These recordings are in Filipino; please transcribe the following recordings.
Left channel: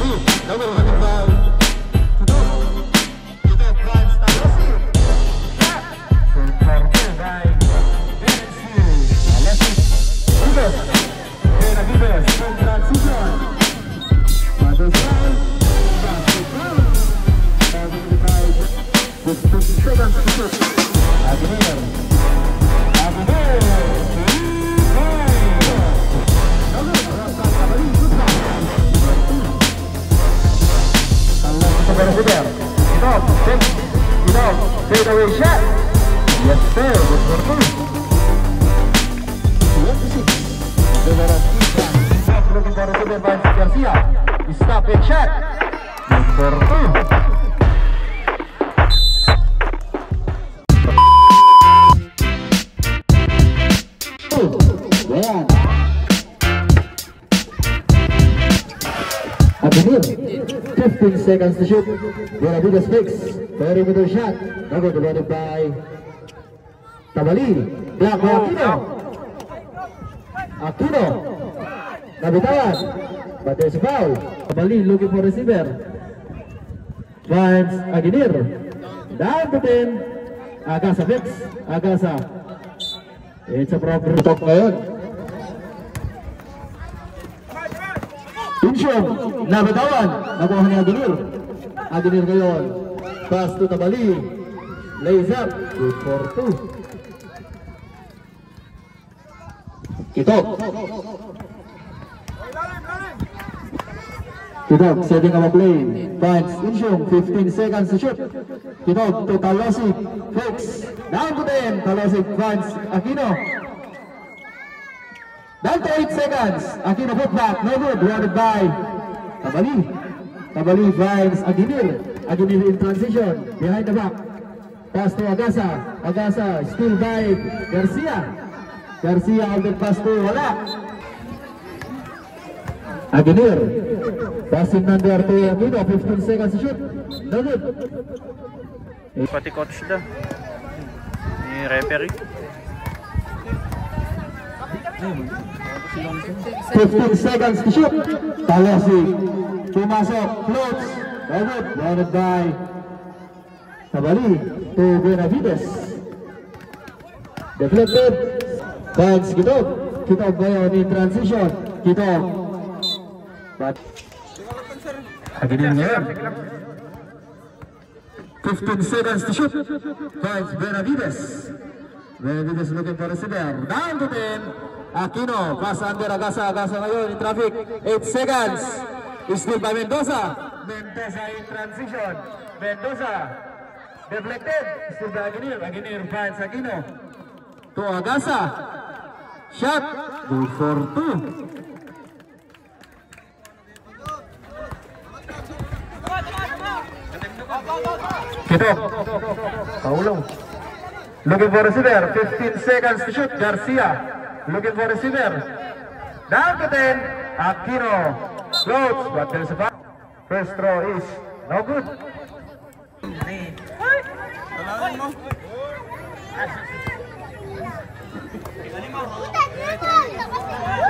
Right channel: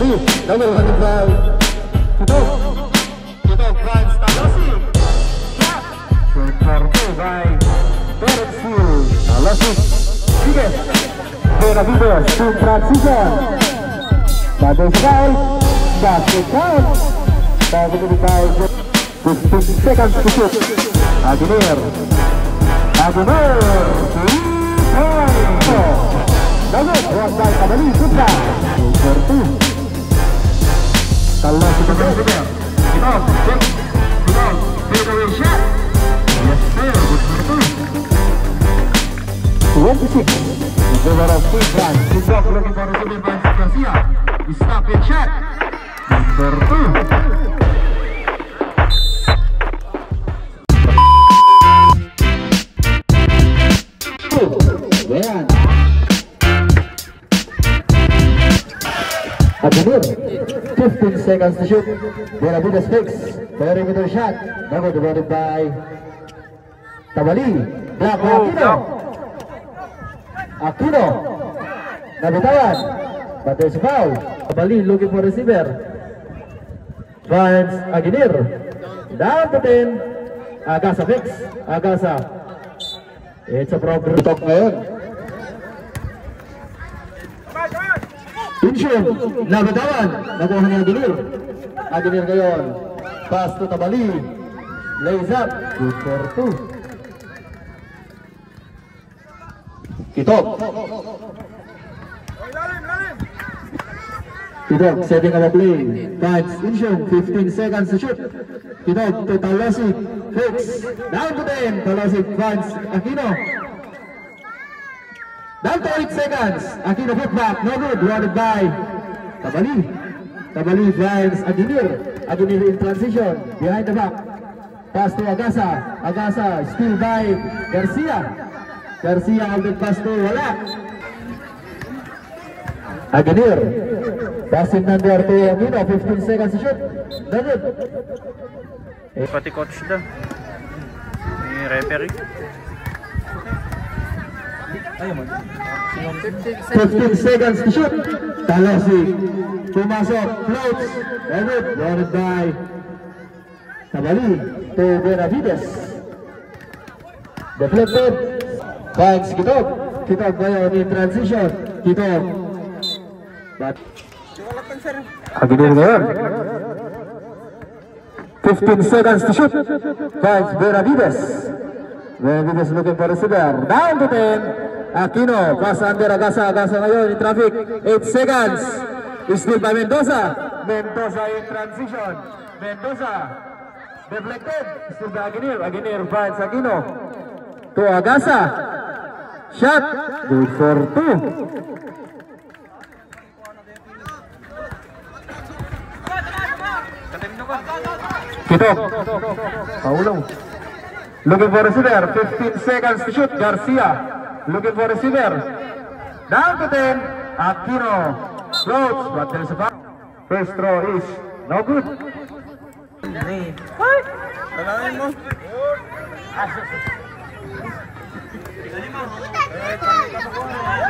3, double handed by Kitok. Kitok finds Talosik. Shot. Point for 2 by Berenfield. Talosik. Vives. Benavides to transition. Double foul. Basket count. Double foul. 15 seconds to shoot. Aguilar. Aguilar. Lalu Rosal Tabali Putra. Kalau kita berbeda, kita check, kita take away shot. Yes sir, good for 2. 26. Number 3, Kitok looking for a good by Garcia. Stop it shot. Number 2. Bayan Aguilar, 15 seconds to shoot. Benavides fix, perimeter shot. Now divided by Tabali. Block by Aquino. Nabitawan, but there's a foul. Tabali looking for receiver. Finds Aguilar. Down to 10. Agasa fix. Agasa. It's a problem. Kitok ngayon. Insyong, nabatawan. Nakuha ni Aguilar. Aguilar ngayon. Pass to Tabali. Lays up. Good for 2. Kitok. Kitok setting up a play. Finds Insyong. 15 seconds to shoot. Kitok to Talosik. Fix. Down to 10. Talosik finds Aquino. Down to 8 seconds. Aquino put back. No good. Wanted by Tabali. Tabali finds Aguilar. Aguilar in transition. Behind the back. Pass to Agasa. Agasa still by Garcia. Garcia on the pass to wala. Aguilar. Passing number to Aquino. 15 seconds to shoot. No good. Pati coach daw. Ni referee. 15 seconds to shoot. Talosik. Pumasok. Floats. David. Wanted by Tabali to Benavides. Deflected. Finds Kitok. Kitok ngayon in transition. Kitok. But Aguilar ngayon. 15 seconds to shoot. Finds Benavides. Benavides looking for receiver. Down to 10. Aquino. Pass under Agasa. Agasa ngayon in traffic. 8 seconds. Still by Mendoza. Mendoza in transition. Mendoza. Deflected. Still by Aguilar. Aguilar finds Aquino. To Agasa. Shot. Good for 2. Kitok. Paulong. Looking for receiver. 15 seconds to shoot. Garcia. Looking for receiver. Down to 10. Aquino. Floats. But there's a foul. First throw is no good.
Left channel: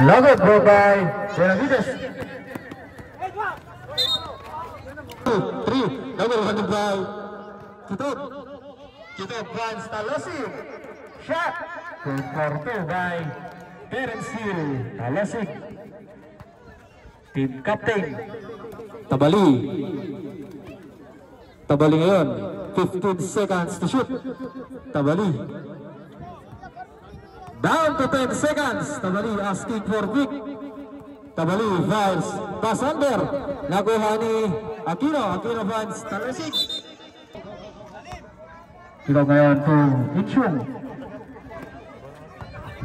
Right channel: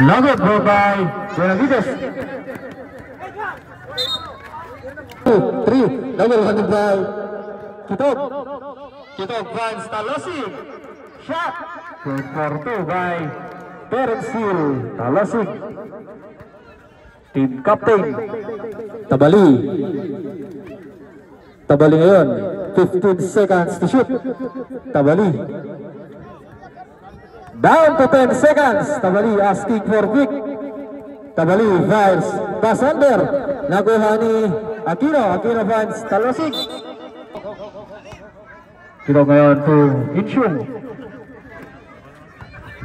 No good. Throw by Benavides. 2, 3, double handed by Kitok. Kitok finds Talosik. Shot. Point for 2 by Berenfield. Talosik. Team captain. Tabali. Tabali ngayon. 15 seconds to shoot. Tabali. Down to 10 seconds. Tabali asking for quick. Tabali fires. Pass under. Nakuha ni Aquino. Aquino finds Talosik. Kitok ngayon to Insyong.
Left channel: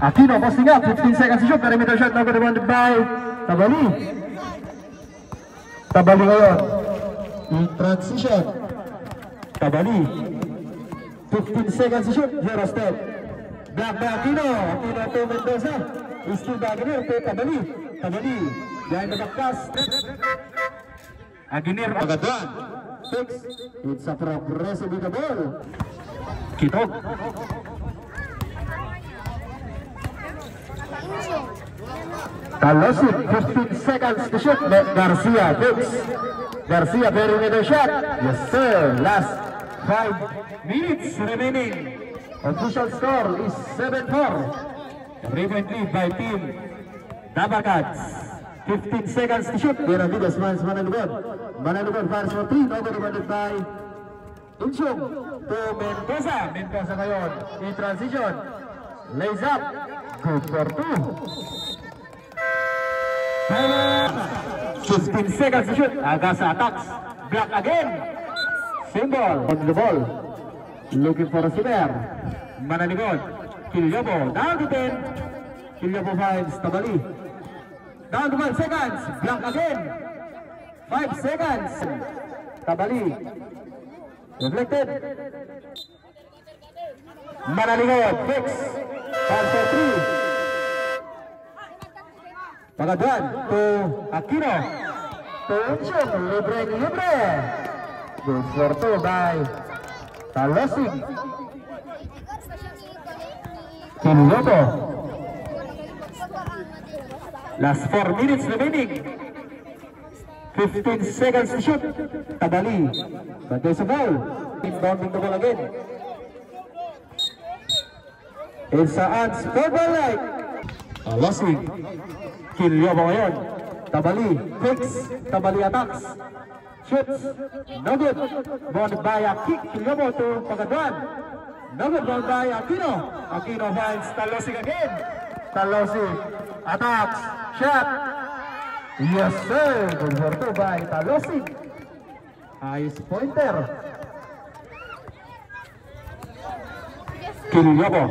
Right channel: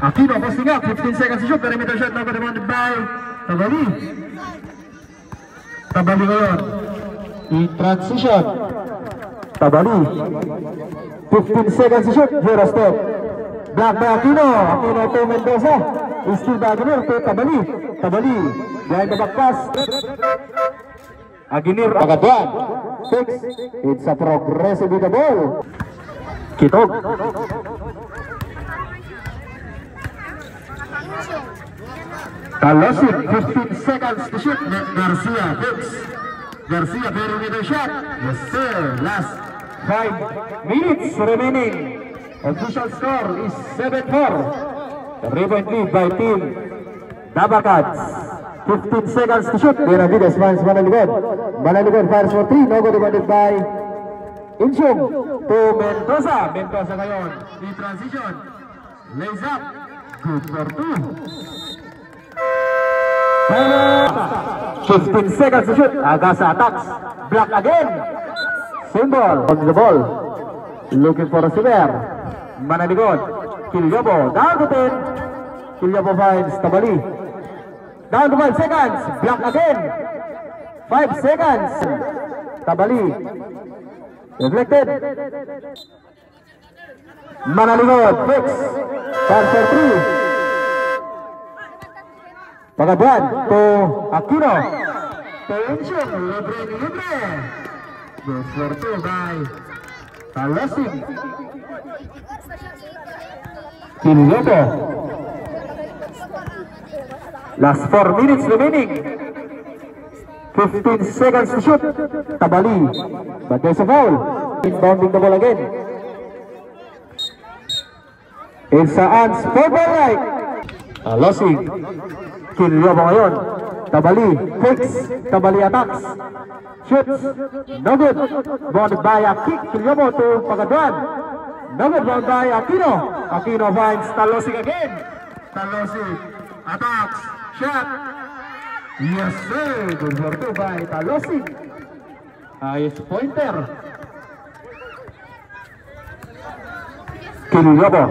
Aquino posting up. 15 seconds to shoot. Perimeter shot. Now rebounded by Tabali. Tabali ngayon in transition. Tabali. 15 seconds to shoot. Zero step. Block by Aquino. Aquino to Mendoza. Still by Aguilar to Tabali. Tabali. Behind the back pass. Aguilar. Pagatuan. Fix. It's a progressive with the ball. Kitok. Talosik. 15 seconds to shoot. Garcia. Fix. Garcia, very middle shot. Yes, sir. Last 5 minutes remaining. Official score is 7-4. Rebound lead by team Dabacats. 15 seconds to shoot. Benavides finds Manaligod. Manaligod fires for 3. No good, rebounded by Inchung to Mendoza. Mendoza ngayon in transition. Lays up. Good for 2. 15 seconds to shoot. Agasa attacks. Block again. Symbol on the ball. Looking for a receiver. Manaligod. Kilyobo. Down to 10. Kilyobo finds Tabali. Down to 5 seconds. Block again. 5 seconds. Tabali. Reflected. Manaligod. Fix. Pass for 3. Pagaduan to Aquino. To Inchung. Libre. Good for 2 by Talosig. Kilyobo. Last 4 minutes remaining. 15 seconds to shoot. Tabali. But there's a foul. Inbounding the ball again. It's a hands for ball right. Talosig. Kilyobo ngayon. Tabali. Fix. Tabali attacks. Shoots. No good. Bounded by a kick. Kilyobo to Pagaduan. No good. Bounded by Aquino. Aquino finds Talosig again. Talosig attacks. Shot. Yes, sir. Good for 2 by Talosig. Highest pointer. Kilyobo.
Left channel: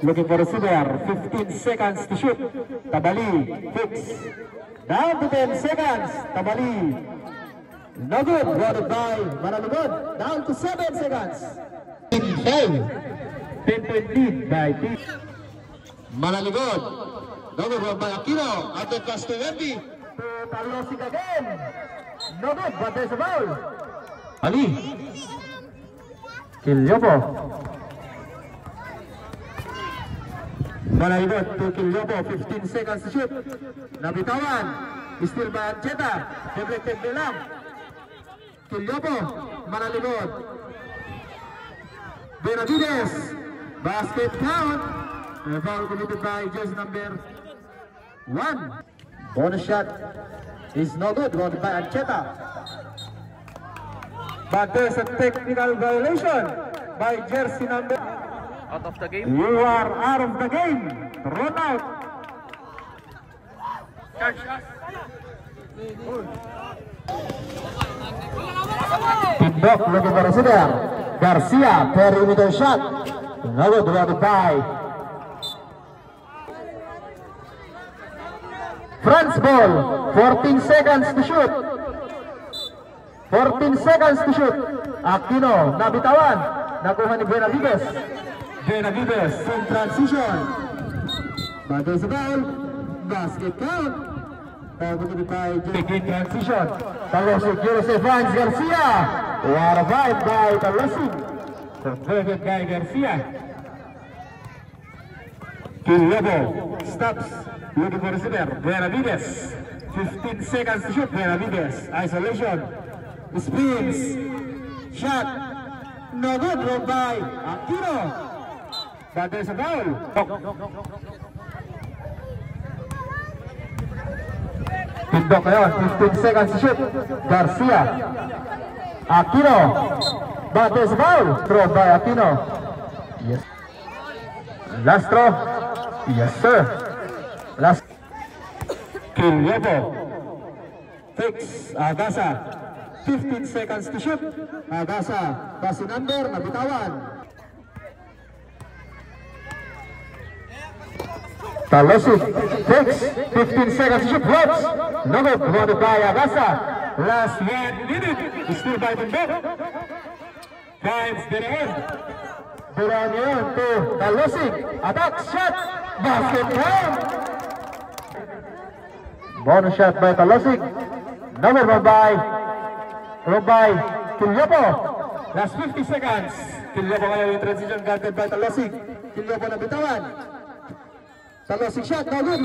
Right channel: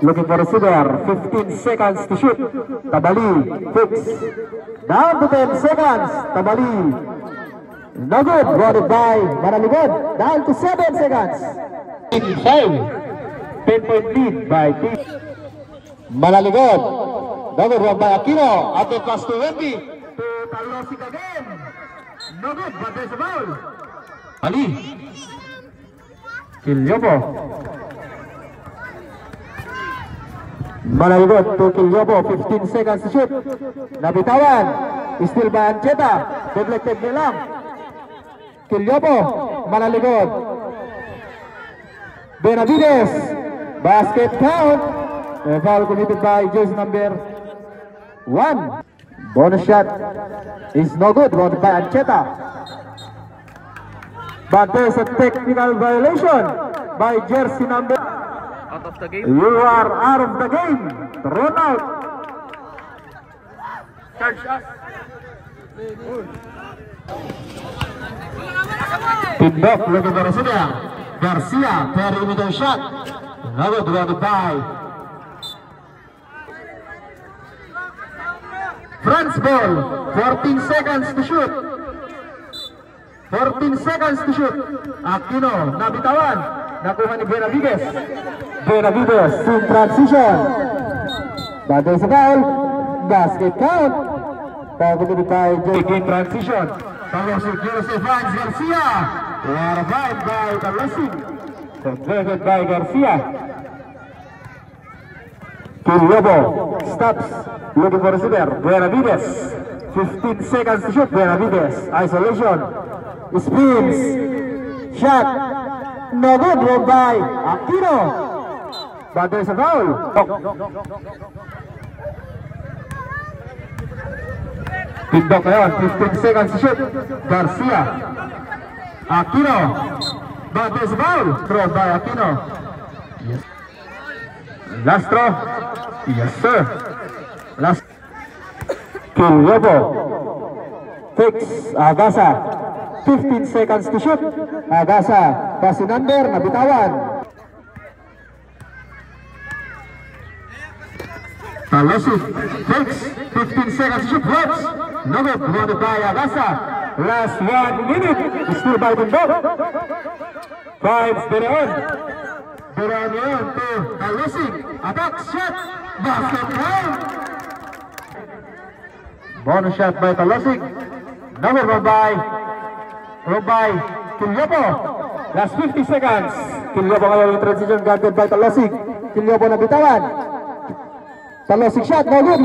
Looking for a receiver. 15 seconds to shoot. Tabali. Fix. Down to 10 seconds. Tabali. No good. Brought by Manaligod. Down to 7 seconds. 10-point lead by team Manaligod. No good. Brought by Aquino. At the pass to Wendy. To Talosig again. No good. But there's a foul. Ali. Kilyobo. Manaligod to Kilyobo. 15 seconds to shoot. Nabitawan. Still by Ancheta. Deflected nilang. Kilyobo. Manaligod. Benavides. Basket count. A foul committed by jersey number 1. Bonus shot is no good. Wanted by Ancheta. But there's a technical violation by jersey number. Out of the game. You are out of the game. Thrown out. Charge. Pindok looking for a receiver. Garcia, very middle shot. No good. Wanted by France ball. 14 seconds to shoot. 14 seconds to shoot. Aquino, nabitawan. Nakuha ni Benavides. Benavides in transition. But there's a foul. Basket count. Pagod by Jake in transition. Talosig, Jose finds Garcia. What a fight by Talosig. Converted by Garcia. Kilyobo stops. Looking for receiver. Benavides. 15 seconds to shoot. Benavides. Isolation. Spins. Shot. No good. Wrong by Aquino. But there's a foul. Pindok ngayon. 15 seconds to shoot. Garcia. Aquino. But there's a foul. Throw by Aquino. Yes. Last throw. Yes, sir. Last. Kilyobo. Fix. Agasa. 15 seconds to shoot. Agasa. Passing number. Nabitawan. Talosig. Fix. 15 seconds to shoot. Works. No good. Wanted by Agasa. Last 1 minute. Still by Pindok. 5 Biraon. Biraon ngayon to Talosig. Attack. Shot. Basket count. Bonus shot by Talosig. Number 1 by Kilyobo. Last 50 seconds. Kilyobo ngayon yung transition guarded by Talosig. Kilyobo nabitawan. Talosig shot. No good.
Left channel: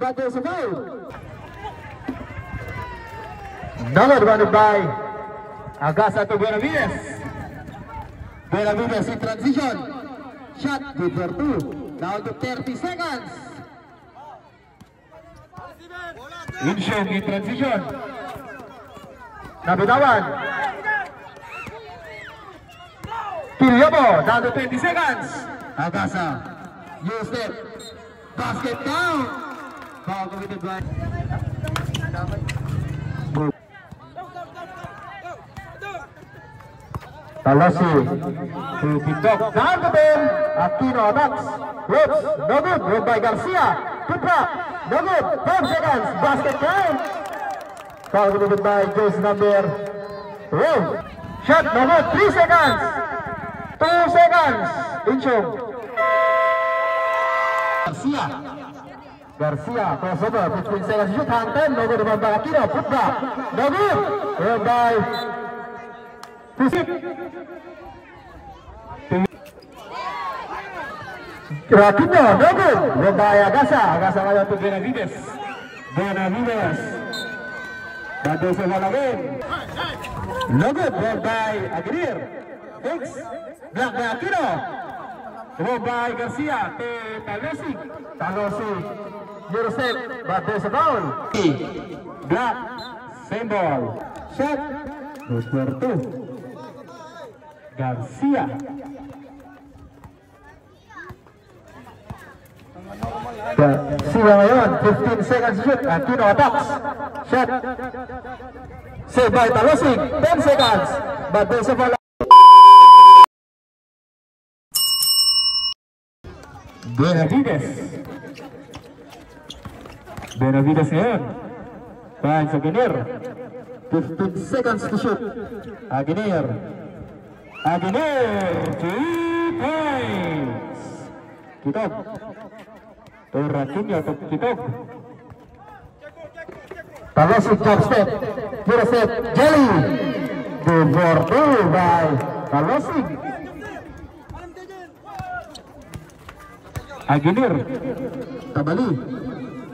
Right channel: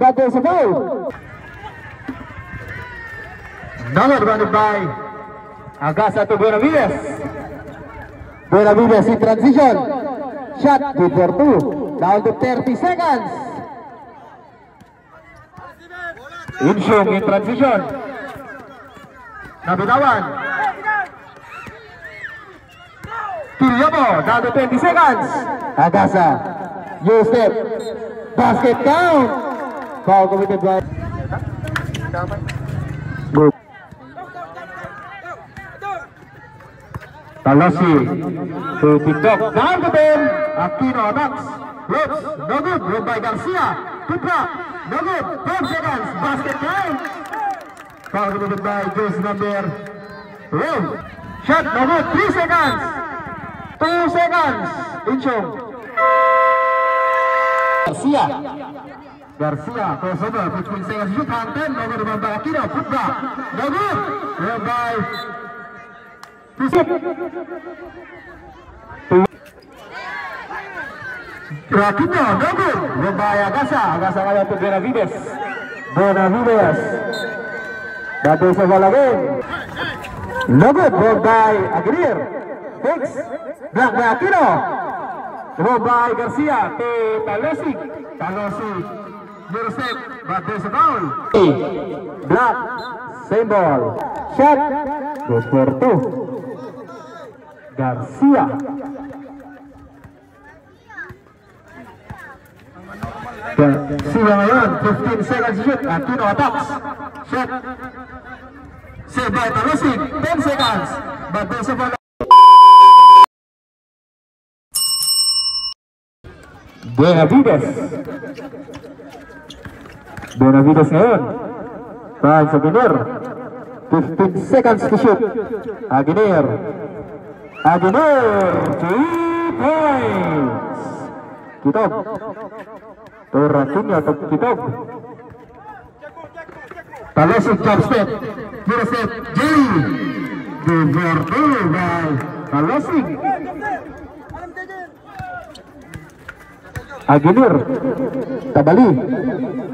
But there's a foul. Number running by Agasa to Benavides. Benavides in transition. Shot, good for 2. Down to 30 seconds. Insyong in transition. Nabitawan. Kiryobo, down to 20 seconds. Agasa, used it. Basket count. Foul committed by Group. Talosi to TikTok. Down to 10. Aquino attacks. Looks, no good. Rolled by Garcia. Tupra, no good. 5 seconds. Basket count. Foul committed by Joe's number 12. Shot, no good. 3 seconds. 2 seconds. Inchong. Garcia, crossover, 15 seconds. Shoot, hand 10. No good. Rolled by Aquino. Tupra, no good. Rolled by Aquino, no good. Rolled by Agasa. Agasa ngayon to Benavides. Benavides. That is a ball again. No good. Rolled by Aguirre. Fix. Block by Aquino. Rolled by Garcia to Talosi. Talosi. Zero step. But there's a foul. Block. Same ball. Shot. Good for 2. Garcia. Garcia ngayon, 15 seconds shoot. Aquino attacks. Shot. Saved by Talosi. 10 seconds. But there's a ball. Benavides. Benavides ngayon. Franz Aguirre. 15 seconds to shoot. Aguirre. Aguirre. 3 points. Kitog. Turrakinyo to Kitog. Talosi jump step. Zero step. Jelly. Good for 2 by Talosi. Aguirre. Tabali.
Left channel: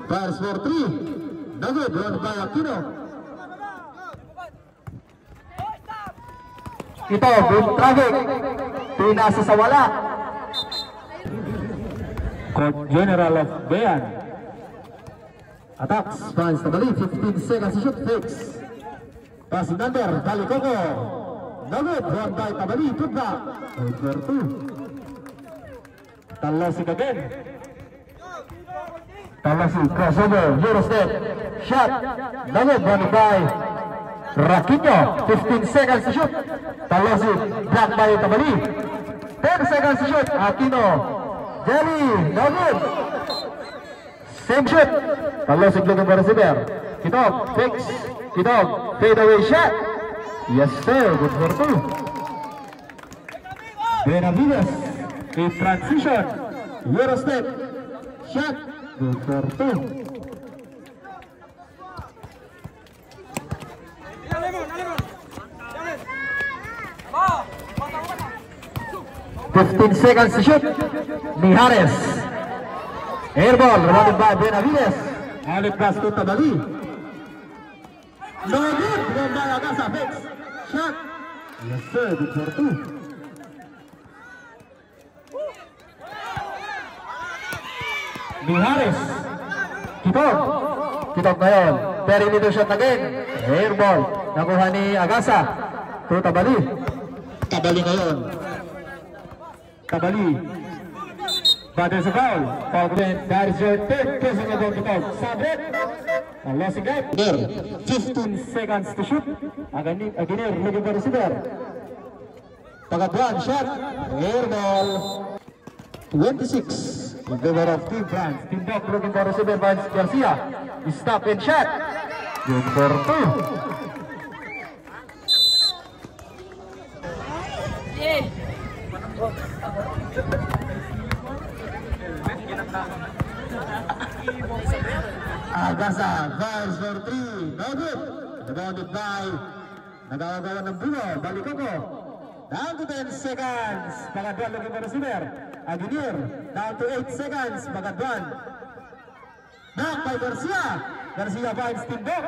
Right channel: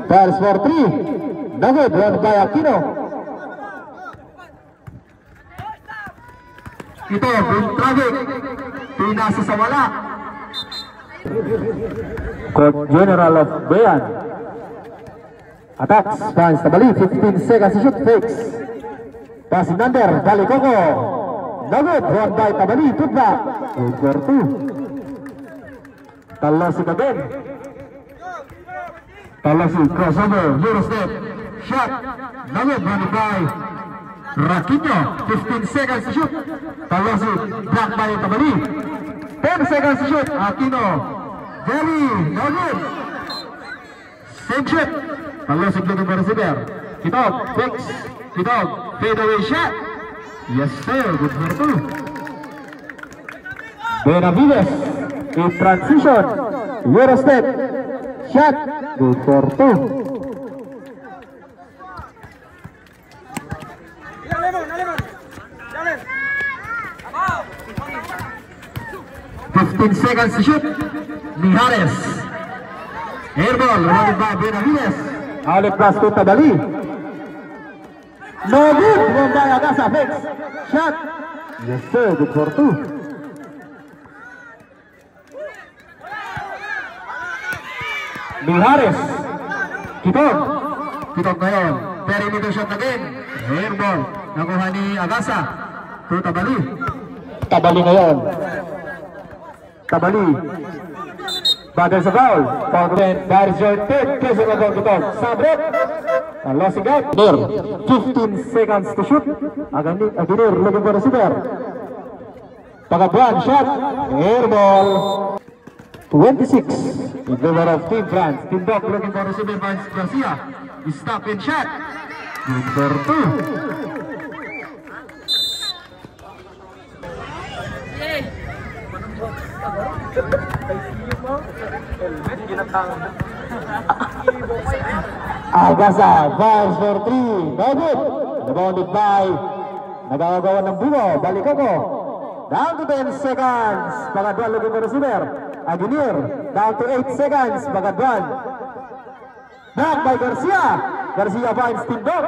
Pass for 3. Nugget run by Aquino. Ito, good traffic. Pinasa sa wala. Court General of Bayan. Attacks. Fans Tabali. 15 seconds to shoot. Fix. Passing number. Balikoko. Nugget run by Tabali. Tudba. Good for 2. Talosi again. Talosi crossover, Euro step, shot, Nugget run by Raquinho, 15 seconds to shoot. Talosi blocked by Tabali. 10 seconds to shoot. Aquino, Jelly, Nugget. Same shoot. Talosi looking for a receiver. Kitog, fix. Kitog, fade away shot. Yes sir, good for 2. Benavides. In transition, Euro step, shot, good for 2. Fifteen seconds to shoot. Mijares. Airball, running by Benavides. Outlet pass to Tabali. No good, run by Agasa, fix. Shot, yes sir, good for 2. Mijares. Kitog. Kitog ngayon. Perimeter shot again. Airball. Nakuha ni Agasa. To Tabali. Tabali ngayon. Tabali. Battle sa foul. Foul again. That is your third case of the Kitog. Sabret. Losing out. 15 seconds to shoot. Aguirre looking for a receiver. Pagkabuan. Shot. Airball. 26 in favor of Team France. Team Doc looking for receiver by Garcia. Stop and shot. Good for 2. Agasa fouls for 3. No good. Rebounded by nagagawa ng bungo. Balikoko. Down to 10 seconds. Pagkabuan looking for receiver. Aguirre, down to 8 seconds, Bagadwan. Back by Garcia. Garcia finds Tindok.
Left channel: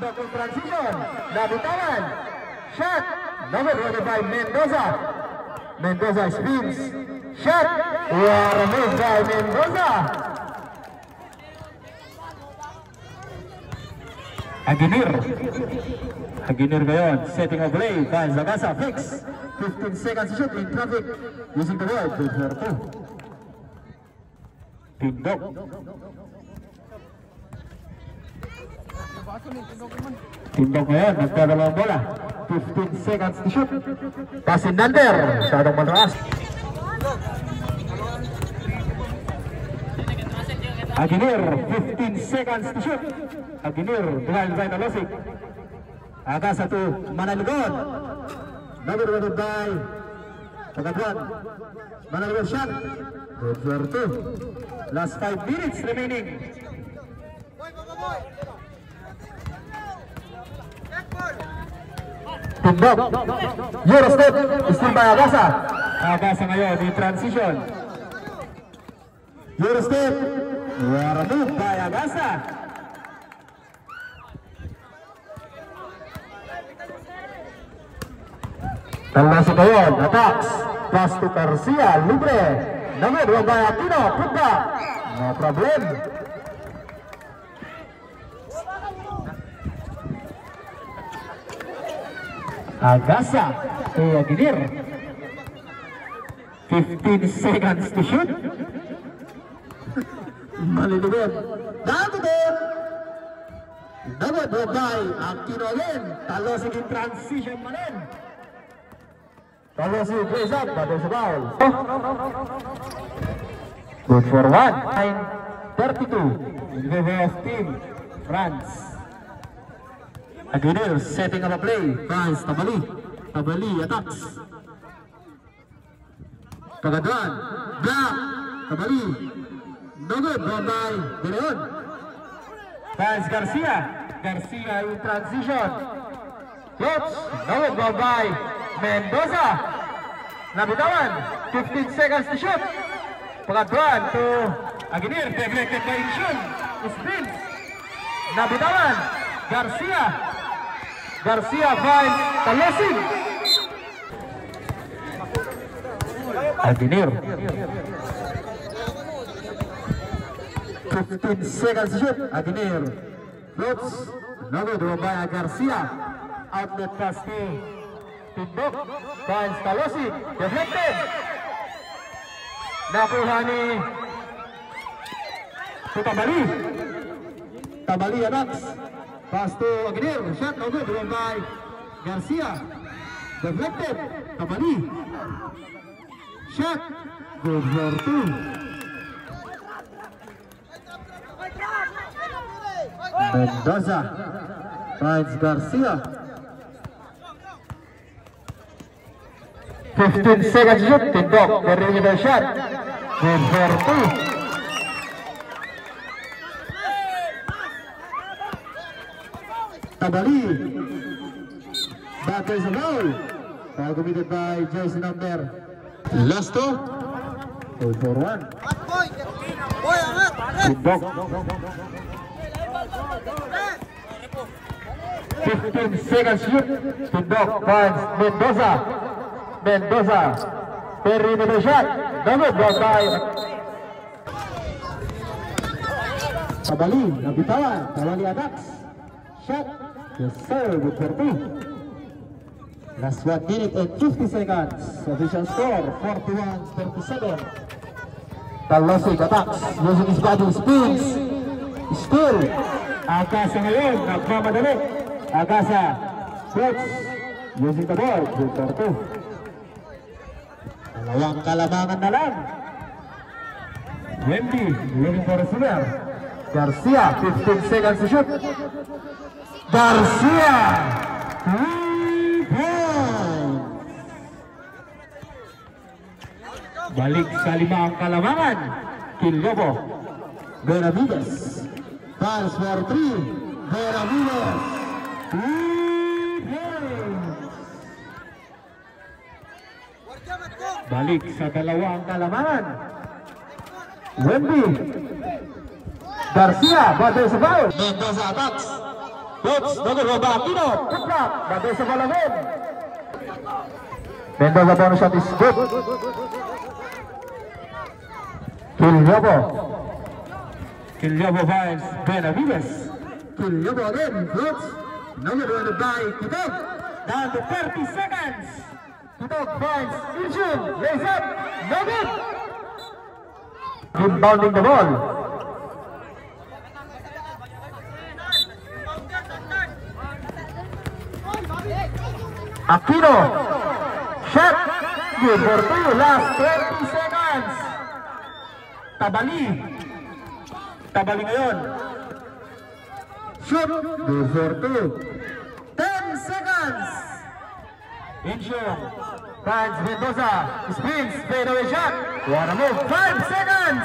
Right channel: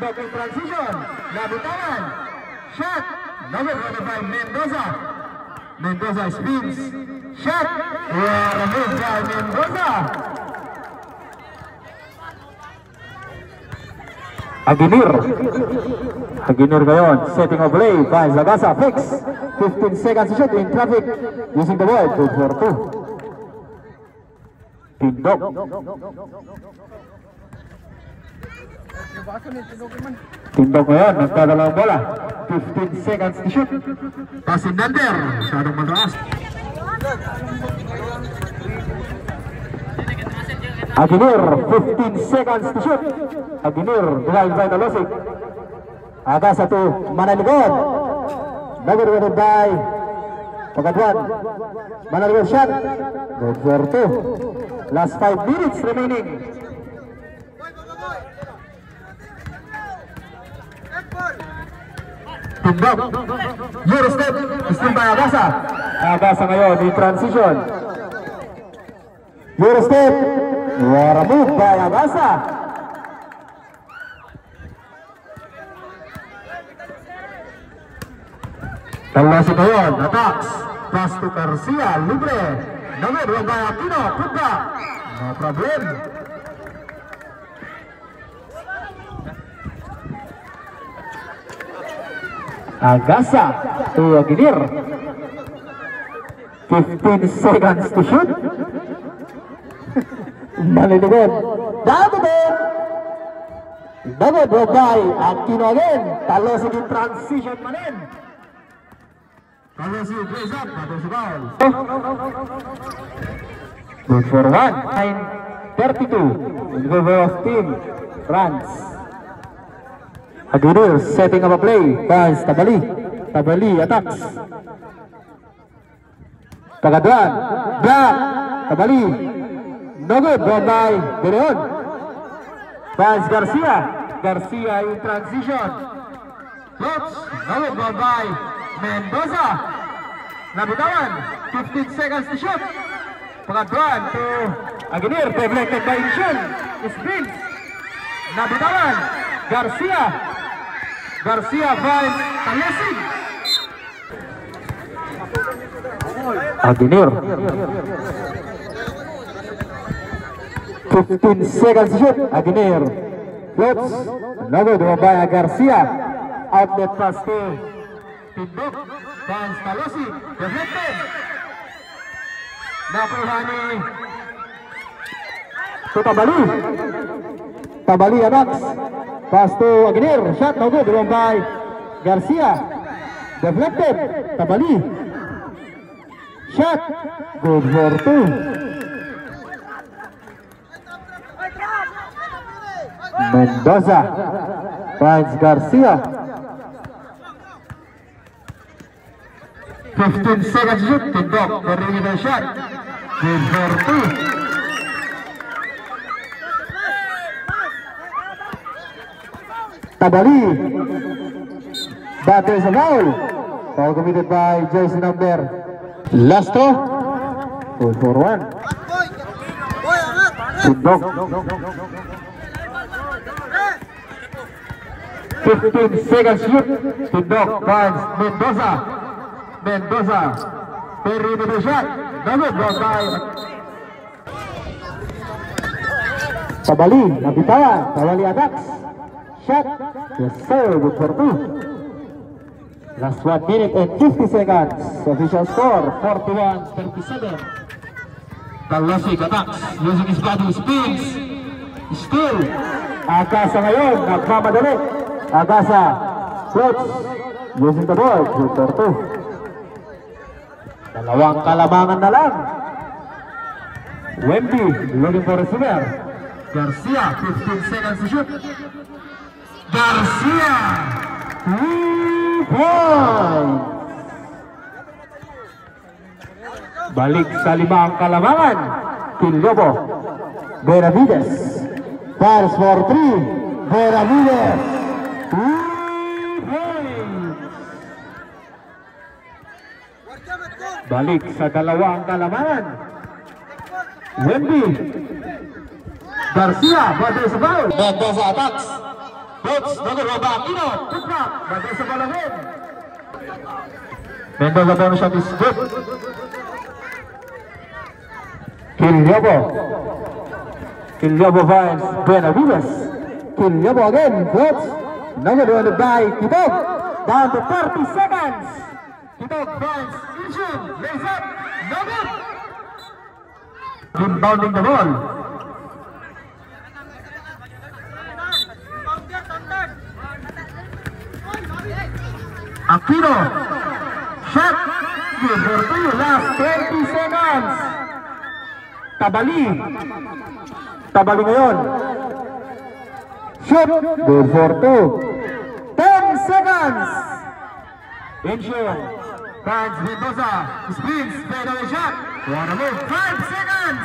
Tindok in transition. Nabitawan. Shot. Number ordered by Mendoza. Mendoza spins. Shot. Removed by Mendoza. Aguinir ngayon, setting of play by Zagasa, fix, 15 seconds to shoot in traffic, using the ball, 2 for 2. Tindok. Tindok ngayon, nagkadalawang bola, 15 seconds to shoot, pass in under, masyadong mataas. Aguinir, 15 seconds to shoot. Aguinir, behind by Talosik. Agasa to Manaligod. Nagawin by Pagatuan. Manaligod shot. Good for 2. Last 5 minutes remaining. Tindok. Eurostep. Still by Agasa. Agasa ngayon di transition. Eurostep. Removed by Agasa. Talasi ngayon, attacks. Pass to Garcia, libre. Number 1 by Aquino, Puka. No problem. Agasa to Aguinir. 15 seconds to shoot. Maliligod. Down to there. Number 1 by Aquino again. Talasi in transition manin. Talasi plays up, bago sa foul. Good for 1. 9:32 in favor of team France. Aguinir setting up a play. Finds Tabali. Tabali attacks. Pagatuan. Back. Tabali. No good. Ball by Bereon. Finds Garcia. Garcia in transition. Floats. No good. Ball by Mendoza. Nabitawan. 15 seconds to shoot. Pagatuan to Aguinir. Deflected by Inshun. Spins. Nabitawan. Garcia. Garcia finds Talesi. Aguinir. 15 seconds to shoot. Aguinir. Floats. No good. By Garcia. Outlet pass to Tindok. Finds Talesi. Deflected. Nakuha ni Tabali. Tabali attacks. Pass to Aguinir. Shot no good. By Garcia. Deflected. Tabali. Shot. Good for 2. Mendoza finds Garcia. 15 seconds shoot. Tindok. Perimeter shot. Good for 2. Tabali. But there's a foul. Foul committed by jersey number Lastro. Good for 1. Tindok. 15 seconds shoot. Tindok finds Mendoza. Mendoza. Perimeter shot. Number ball by Tabali. Nabitawan. Tabali attacks. Shot. Yes sir. Good for 2. Last 1 minute and 50 seconds. Official score 41-37. Talosik attacks using his body spins. Still Agasa ngayon nagmamadali. Agasa floats using the ball. Good for 2. Dalawang kalamangan na lang. Wemby looking for a receiver. Garcia 15 seconds to shoot. Garcia 3 points. Balik sa 5 kalamangan. Kilobo. Benavides. Pass for 3. Benavides. 3 points. Balik sa 2 kalamangan. Wemby. Garcia. But there's a foul. Mendoza attacks. Coach, nagulaba Aquino, putrak, bagay sa balangin. Mendoza bonus shot is good. Kilyobo finds Benavides. Kilyobo again, coach. Number one by Kitog. Down to 30 seconds. Kitog finds Inchun. Lays up. No good. Inbounding the ball. Aquino. Shot. Good for 2. Last 20 seconds. Tabali ngayon. Shoot. Good for 2. 10 seconds. Inchun. Finds Mendoza. Spins. Fadeaway shot. Wanna move. 5 seconds.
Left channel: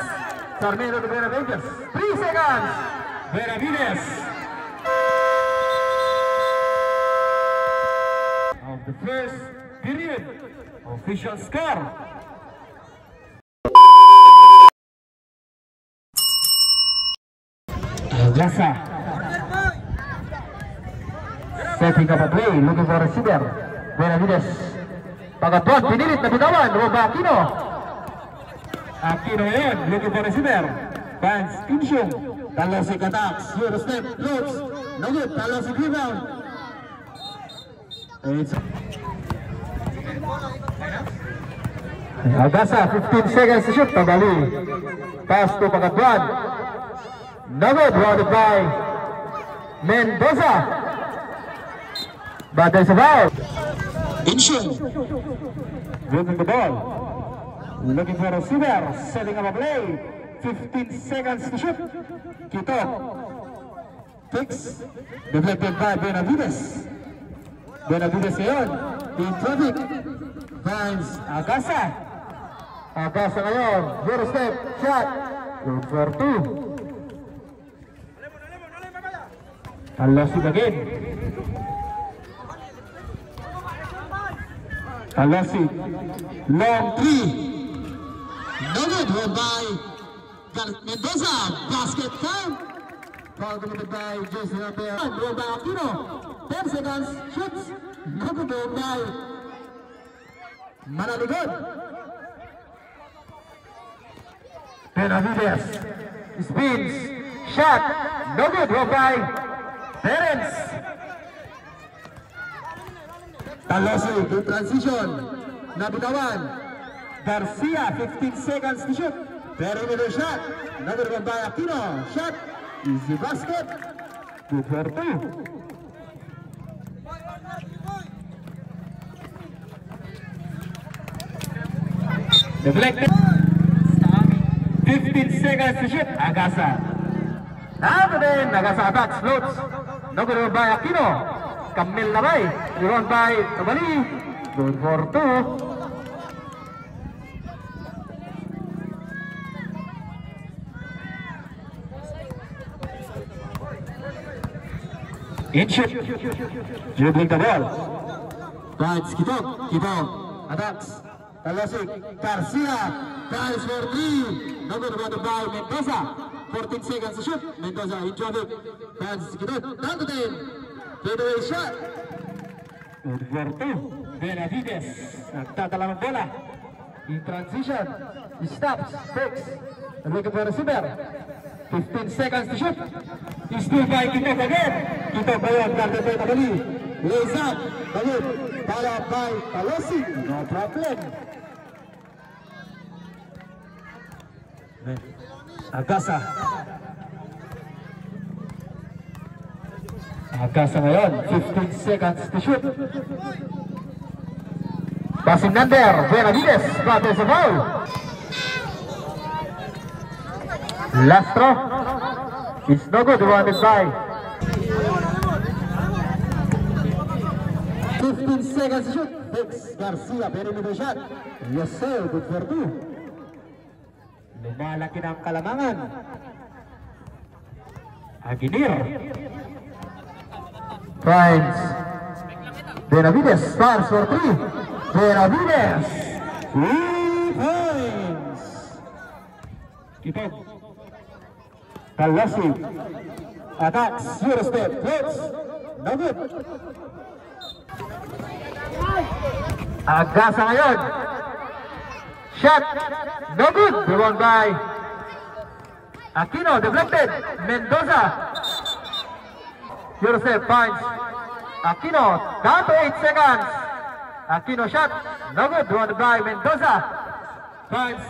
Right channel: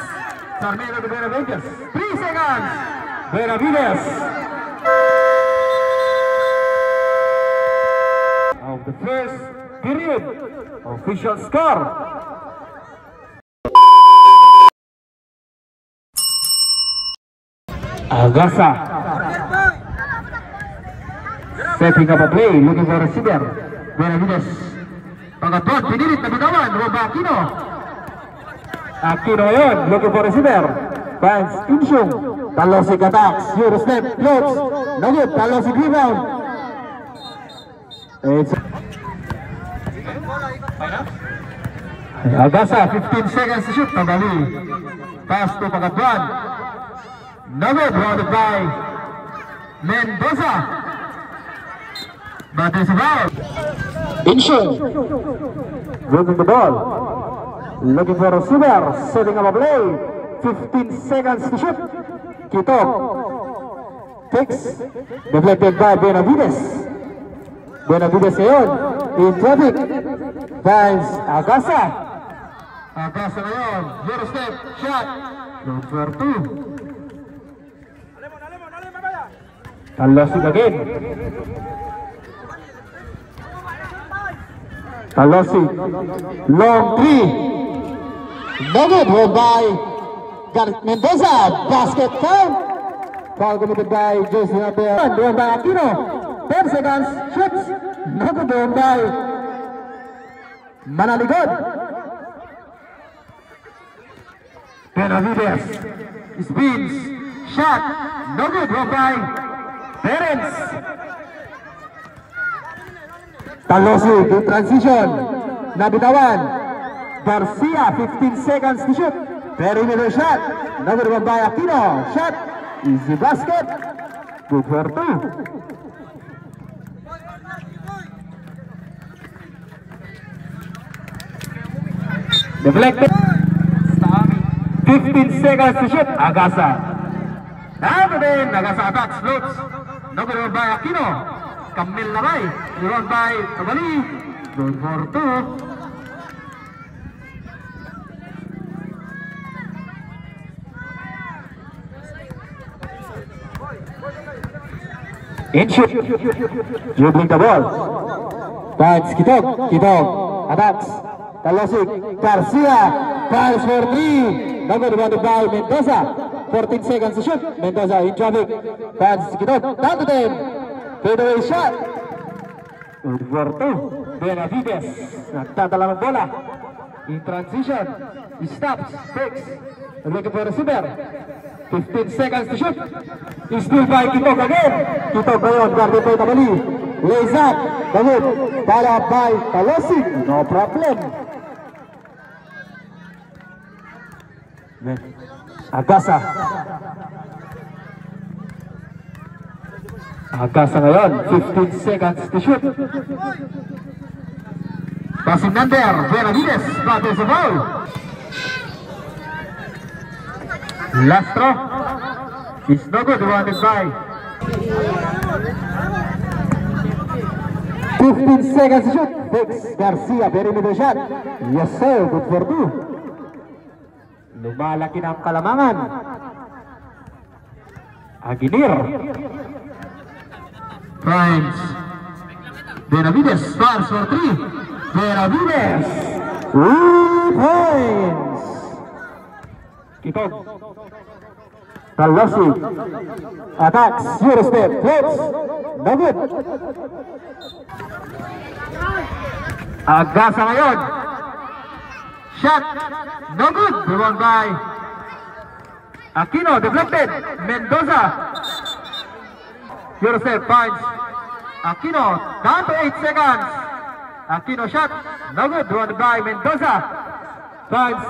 Sarmento to Benavides. 3 seconds. Benavides. Of the first period. Official score. Agasa. Setting up a play. Looking for a receiver. Benavides. Pagatuan. Pinilit na bitawan. Roba Aquino. Aquino yun. Looking for a receiver. Fans. Inchung. Talosik attacks. Eurostep. Floats. No good. Talosik rebound. Agasa. 15 seconds to shoot. Tabali. Pass to Pagatuan. No good. Rounded by Mendoza. But there's a foul. Inchun. Moving the ball. Looking for a receiver. Setting up a play. 15 seconds to shoot. Kitog. Takes. Deflected by Benavides. Benavides ngayon. In traffic. Finds Agasa. Agasa ngayon. Zero step. Shot. Good for 2. Talosik again. Talosik. Long 3. No good. Hold by Mendoza. Basket count. Foul committed by Jason Abel. Hold by Aquino. 10 seconds. Shoots. No good. Hold by Manaligod. Benavides. Spins. Shot. No good. Hold by Terence. Talosik in transition. Nabitawan. Garcia, 15 seconds to shoot. Perimeter shot. Another one by Aquino. Shot. Easy basket. Good for 2. Deflected. 15 seconds to shoot. Agasa. Now then, Agasa attacks, floats. Another one by Aquino. Kamil Labay. Run by Tabali. Good for 2. Inchun. Dribbling the ball. Finds Kitog. Kitog attacks. Talosik. Garcia. Fires for 3. Number divided by Mendoza. 14 seconds to shoot. Mendoza in traffic. Finds Kitog. Down to 10. Fadeaway shot. Good for 2. Benavides. Nagtadala ng bola. In transition. He stops. Takes. Looking for a receiver. 15 seconds to shoot. He's still by Kitog again. Kitog ngayon. Guarded by Tabali. Lays up. David. Followed by Talosik. No problem. Agasa. Agasa ngayon. 15 seconds to shoot. Passing number. Benavides. But there's a foul. Last throw. It's no good. Wanted by 15 seconds to shoot. Takes Garcia. Perimeter shot. Yes sir. Good for 2. Lumalaki na ang kalamangan. Aguinir. Finds Benavides. Fires for 3. Benavides. 3 points. Kitog. Talosig. Attacks. Eurostep. Floats. No good. Agasa ngayon. Shot. No good. Rebound by Aquino. Deflected. Mendoza. Eurostep finds Aquino. Down to 8 seconds. Aquino shot. No good. Rebound by Mendoza. Finds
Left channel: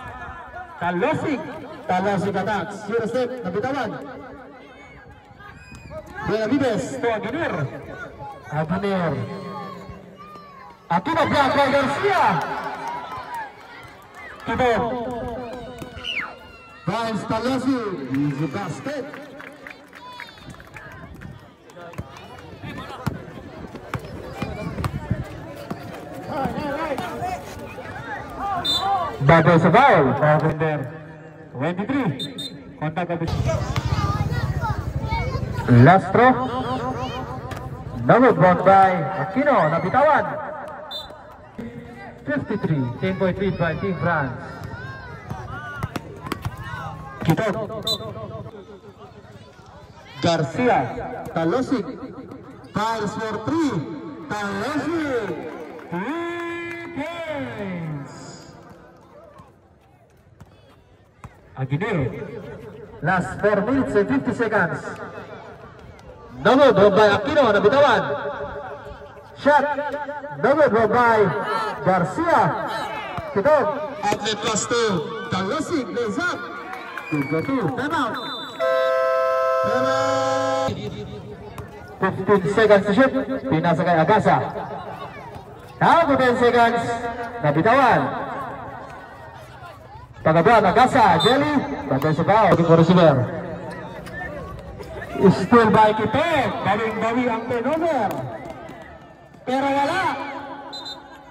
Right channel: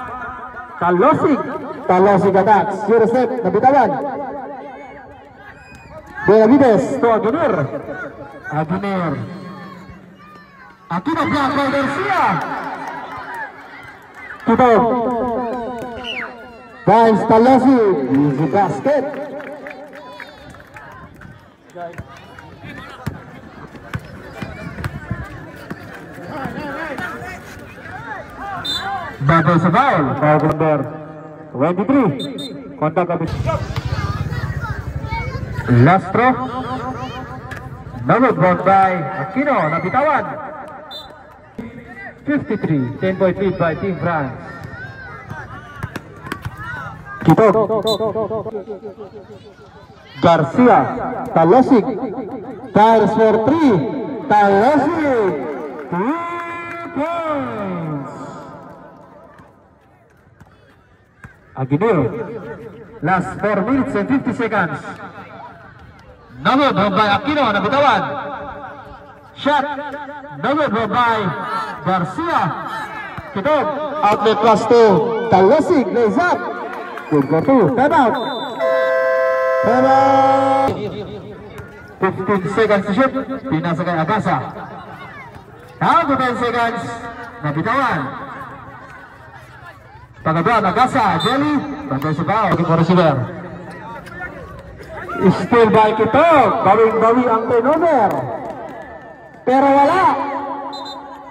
Talosig. Talosig attacks. Eurostep. Nabitawan. Benavides to Aguinir. Aguinir. Aquino block by Garcia. Kito. Finds Talosig. Easy basket. Bago sa foul. Foul number 23. Contact of Lastro. Nagod ball by Aquino. Nabitawan. 53. 10-point lead by Team France. Kito. Garcia. Talosig. Fires for 3. Talosig. 3 points. Aguinir. Last 4 minutes and 50 seconds. Nagod by Aquino. Nabitawan. Shot. Nagod by Garcia. Kito. Outlet pass to Talosig. Lays up. Good for 2. Time out. Time out. 15 seconds to shoot. Pinasa kay Agasa. Now to 10 seconds. Nabitawan. Pagabaan Agasa. Jelly. Bagay sa bao. Looking for receiver. Still by Kito. Bawing-bawi ang turnover. Pero wala.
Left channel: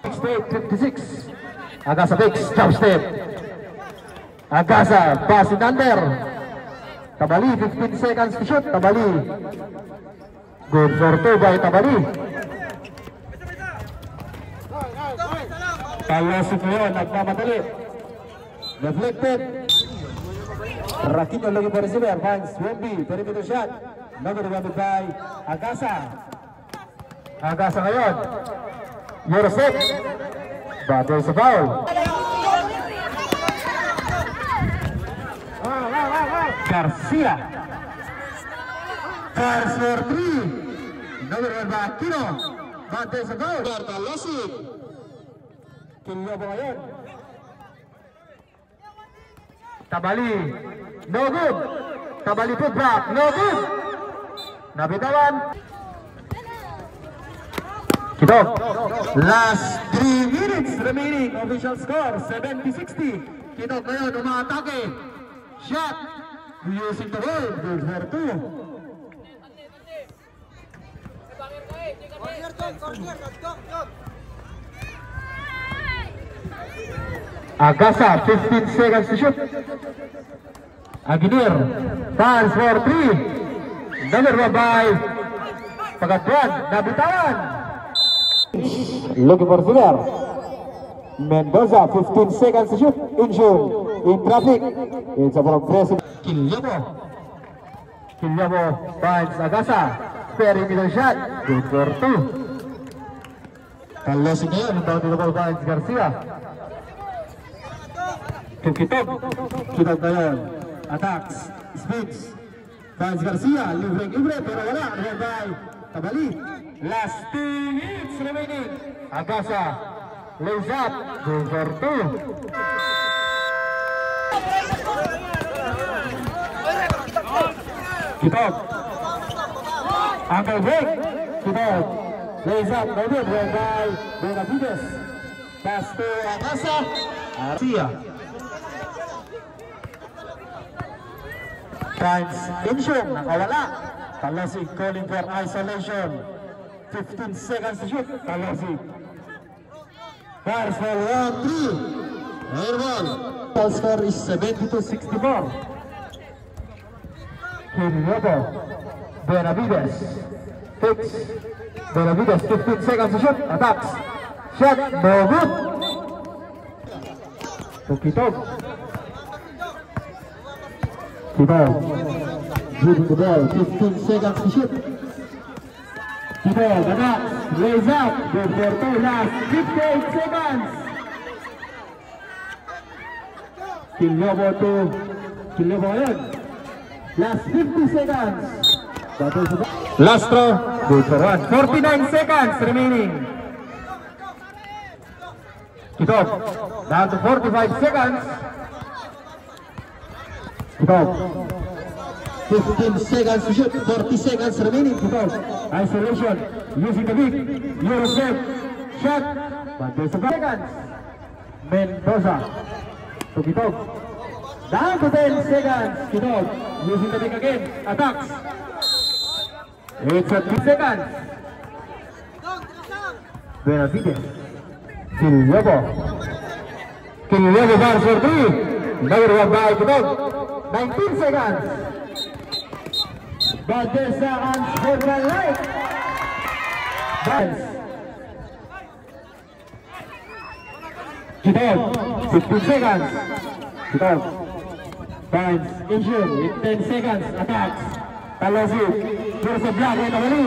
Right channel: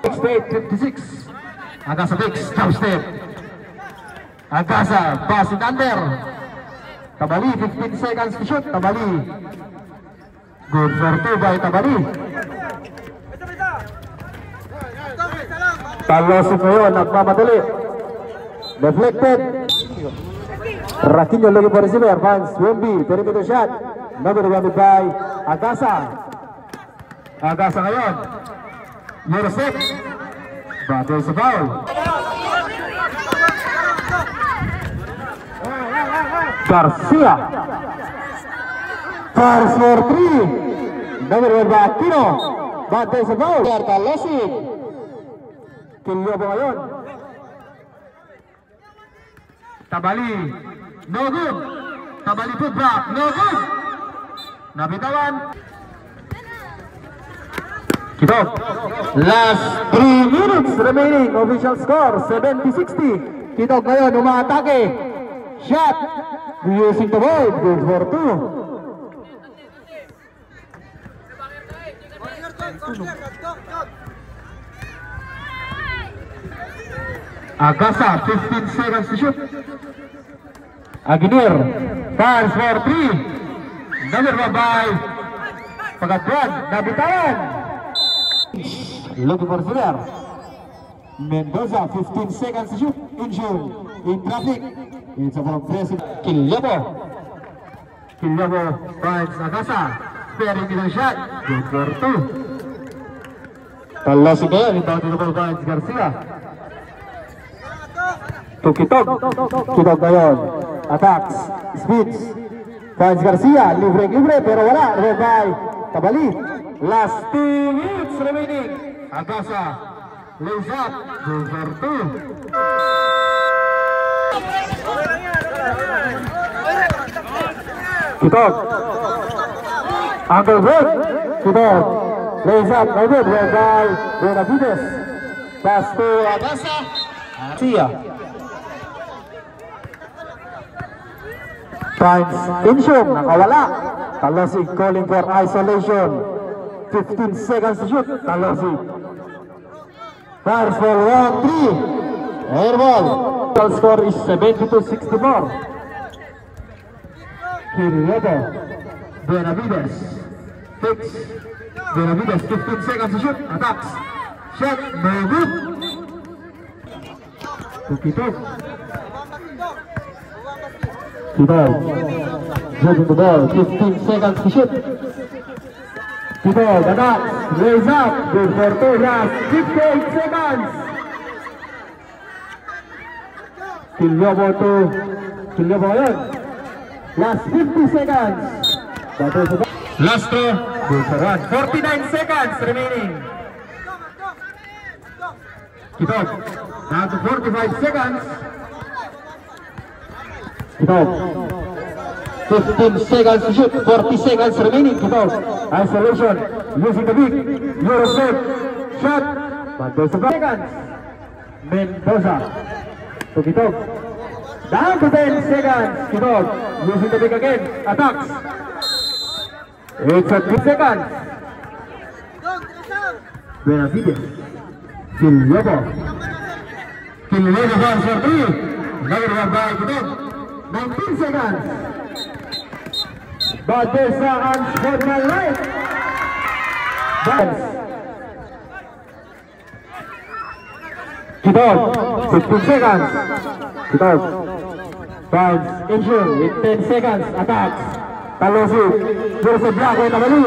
58-56. Agasa fix. Jump step. Agasa. Pass in under. Tabali. 15 seconds to shoot. Tabali. Good for 2 by Tabali. Talosig ngayon. Nagmamadali. Deflected. Raquinho looking for receiver. Finds Wemby. Perimeter shot. Number 1 by Agasa. Agasa ngayon. Eurostep. Battle sa foul. Garcia. Fires for 3. Number 1 by Aquino. Battle sa foul. Talosig. Kilyo po ngayon. Tabali. No good. Tabali put back. No good. Nabitawan. Kito. Last 3 minutes remaining. Official score 70-60. Kito ngayon umaatake. Shot. Using the ball. Good for 2. Agasa, 15 seconds to shoot. Aguinir, fires for 3. Number 1 by Pagatuan, nabitawan. Looking for receiver. Mendoza, 15 seconds to shoot. In zone, in traffic. It's a ball of pressing. Kilyobo. Kilyobo finds Agasa. Very middle shot. Good for 2. Talosig ngayon, inbound to the ball finds Garcia. To Kitog. Kitog ngayon. Attacks. Speeds. Finds Garcia. Libre pero wala. Red by Tabali. Last 2 minutes remaining. Agasa. Lays up. Good for 2. Kitog. Uncle Rick. Kitog. Lays up. No good. Red by Benavides. Pass to Agasa. Garcia. Finds Inshum, nakawala. Talosig calling for isolation. 15 seconds to shoot. Talosig. Fires for 1-3. Air ball. Total score is 72-64. Kiriobo. Benavides. Fix. Benavides, 15 seconds to shoot. Attacks. Shot. No good. To Kitog. Kitog. Shooting the ball, 15 seconds to shoot. Tito, Ganak, raise up, good for two, last 58 seconds. Kilyobo to, Kilyobo yun. Last 50 seconds. Last throw, good for one. 49 seconds remaining. Tito, down to 45 seconds. Tito, 15 seconds to shoot, 40 seconds remaining. Tito, isolation, using the big, Eurostep, shot, Mendoza seconds. Mendoza, to Tito, down to 10 seconds. Tito, using the big again, attacks. It's at 3 seconds. Benavides, Kilyobo, Kilyobo fouls for 3. Another one by Tito, 19 seconds. Mendoza on Sportman Light. Bounce. Tito, 15 seconds. Tito, bounce, injured in 10 seconds. Attacks. Talosi, there's a block by Namalu.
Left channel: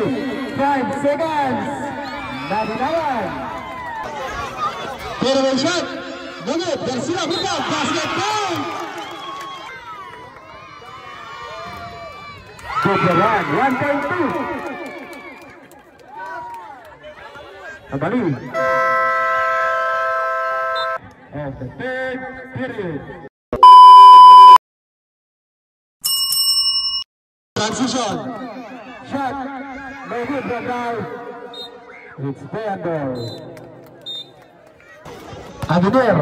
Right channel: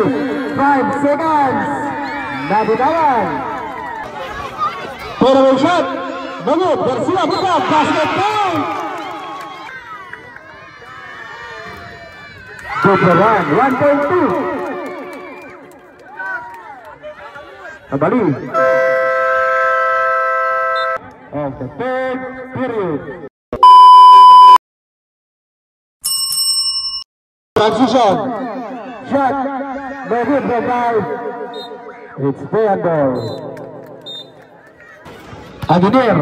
5 seconds. Nagunawan. Fairway shot. Nagit, Garcia buka, basket point. Good for one, 1.2. Abali. Of the third period. Transition. Shot. No good for five. It's Bayandor. Aguner.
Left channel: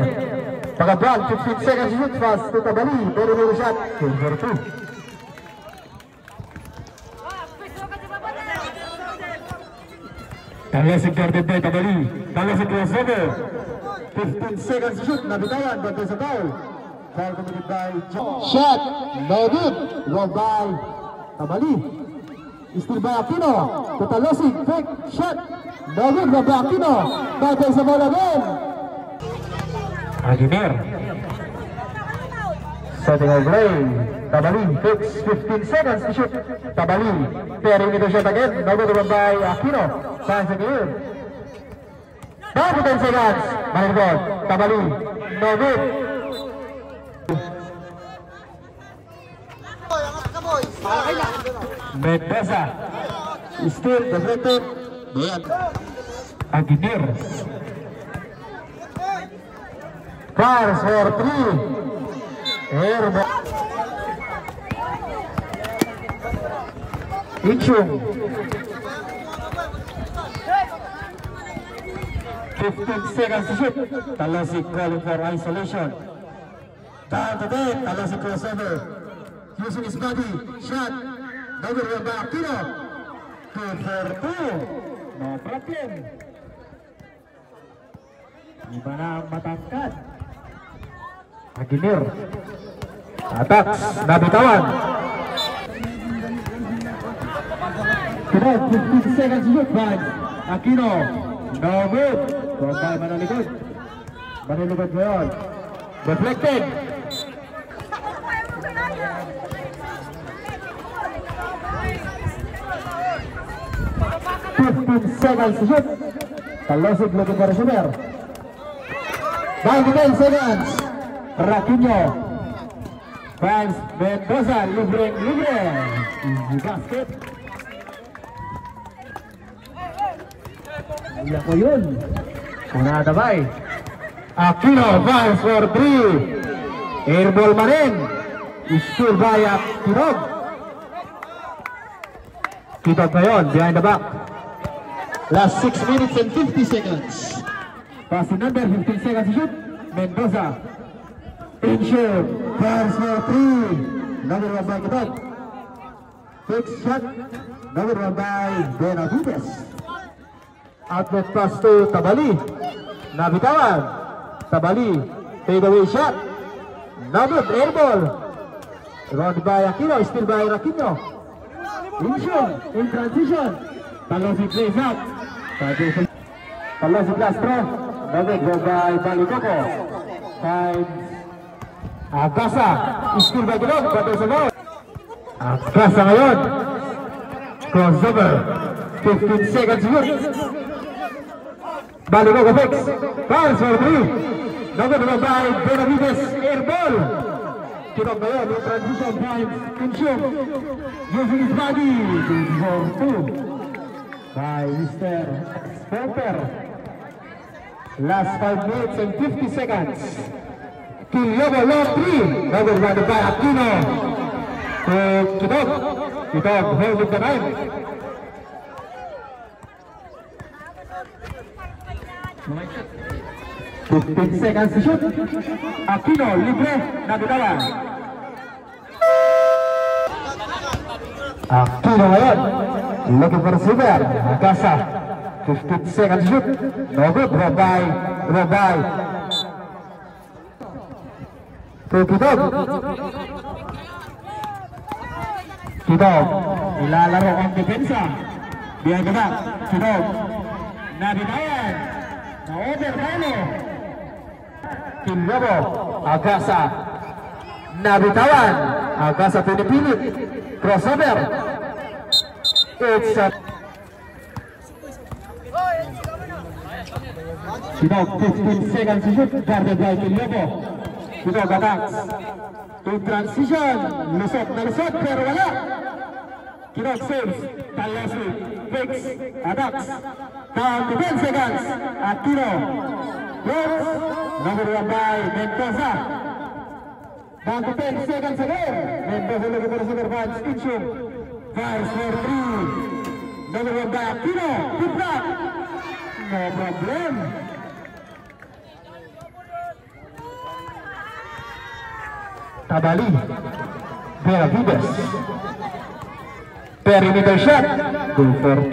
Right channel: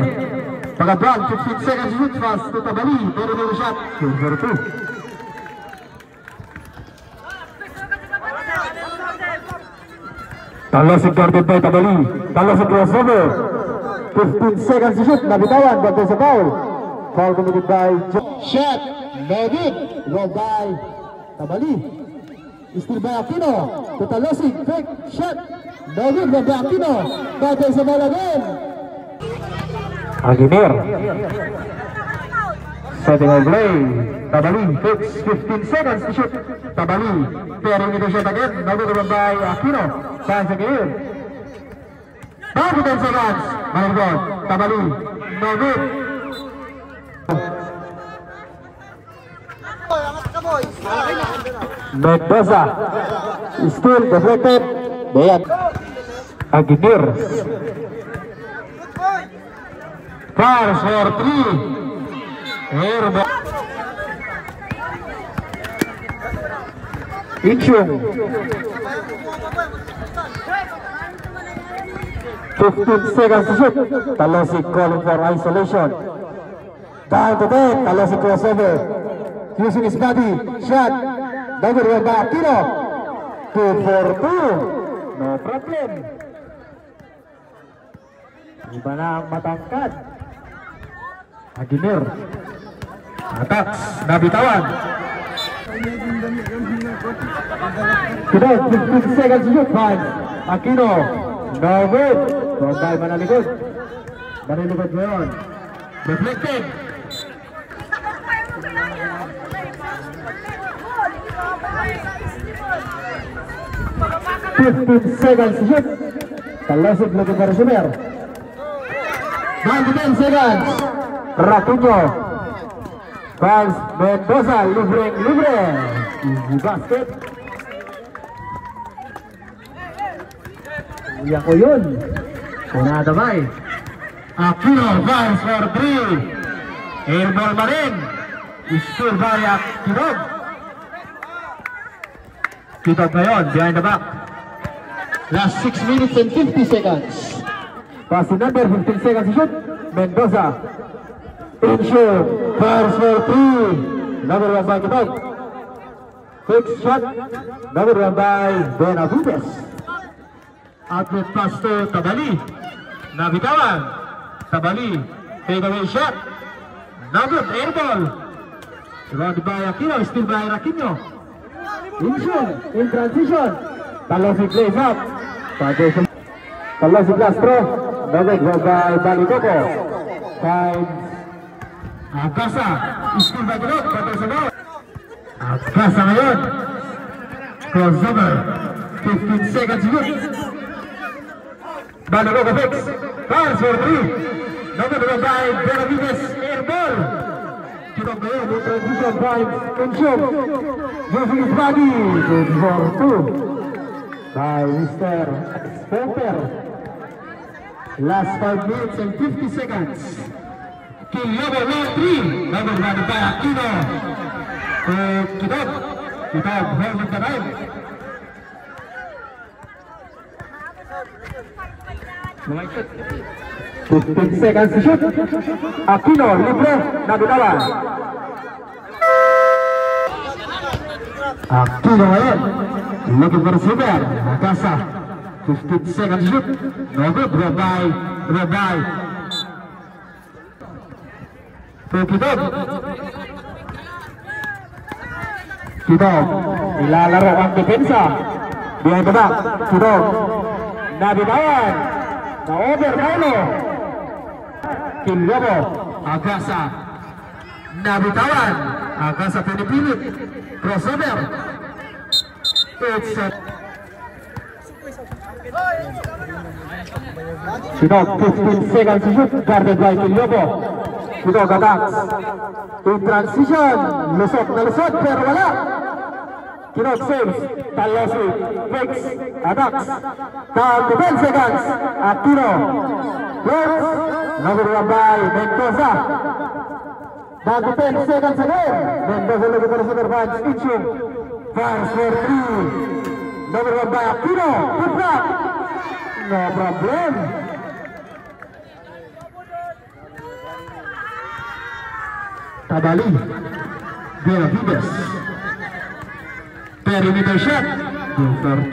Pagabang, 15 seconds shoot fast to Tabali. Very shot. Good for two. Talasig guarded by Tabali. Talasig crossover. 15 seconds to shoot. Nabitawan. But there's a foul. Foul committed by shot. No good. Well by Tabali. Still by Aquino. To Talasig. Fake shot. No good. Well by Aquino. But there's a ball again. Aguiner. Setting of play. Tabali takes 15 seconds to shoot. Tabali pairing with the shot again. No good by Aquino. Chance again. Back to 10 seconds. Manilgon. Tabali. No good. Mendoza. Still deflected. Bayan. Aguiner. Fires for 3. Airball. Ichung. 15 seconds to shoot. Talasig calling for isolation. Down to 10. Talasig crossover. Using his body. Shot. Double one by Aquino. 2 for 2. No problem. Iba na ang matangkad. Aguiner. Attacks. Nabitawan. About 15 seconds to shoot. Aquino. No good. Bongkay manalikod. Manilikod ngayon. Reflected. Seconds to shoot. Talasig looking for a shooter. 9 seconds. Raquinho. Fans Mendoza. Libre. Easy basket. Iya ko yun. Kunada ba eh. Aquino fouls for 3. Airball pa rin. Still by Aquino. Keep up ngayon. Behind the back. Last 6 minutes and 50 seconds. Passing number 15 seconds to shoot. Mendoza. Insured. Fires for 3. Another one by Kitog. Quick shot. Another one by Benavides. Outlet pass to Tabali. Nabitawan. Tabali. Fade away shot. Another air ball. Run by Aquino. Still by Raquinho. Insured. In transition. Talasig plays up. Talasig last throw. Another go by Balikoko. Finds Agasa. Still by Gilog. But there's a ball. Agasa ngayon. Crossover. 15 seconds shoot. Baligo ka fix. Fouls for 3. Number by Benavides, air ball. Kinok ngayon, yung transition drive, in-shoot. Using his body, good for 2. By Mr. Pomper. Last 5 minutes and 50 seconds. King Lobo, low 3. Number by Aquino. Kinok. Kinok, holding the line. 15 seconds to shoot. Aquino, libre, nabitawan. Aquino ngayon, looking for super. Agasa, 15 seconds to shoot. No good, Robay. Kitog. Kitog, ilalaro ang depensa. Behind the back, Kitog. Nabitawan. Na-over Paulo. Kinlobo, Agasa. Nabitawan. Agasa pinipilit. Crossover. It's a Sinog, 15 seconds to shoot. Guarded by Kinlobo. Sinog attacks. In transition. Lusot na lusot pero wala. Kinok saves. Talosi. Fix. Attacks. Down to 10 seconds. Aquino. Works. Number 1 by Mendoza. Down to 10 seconds again. Mendoza looking for a super punch. Inching. Fires for 3. Number 1 by Aquino. Good block. No problem. Tabali. Benavides. Perimeter shot. Go for 2.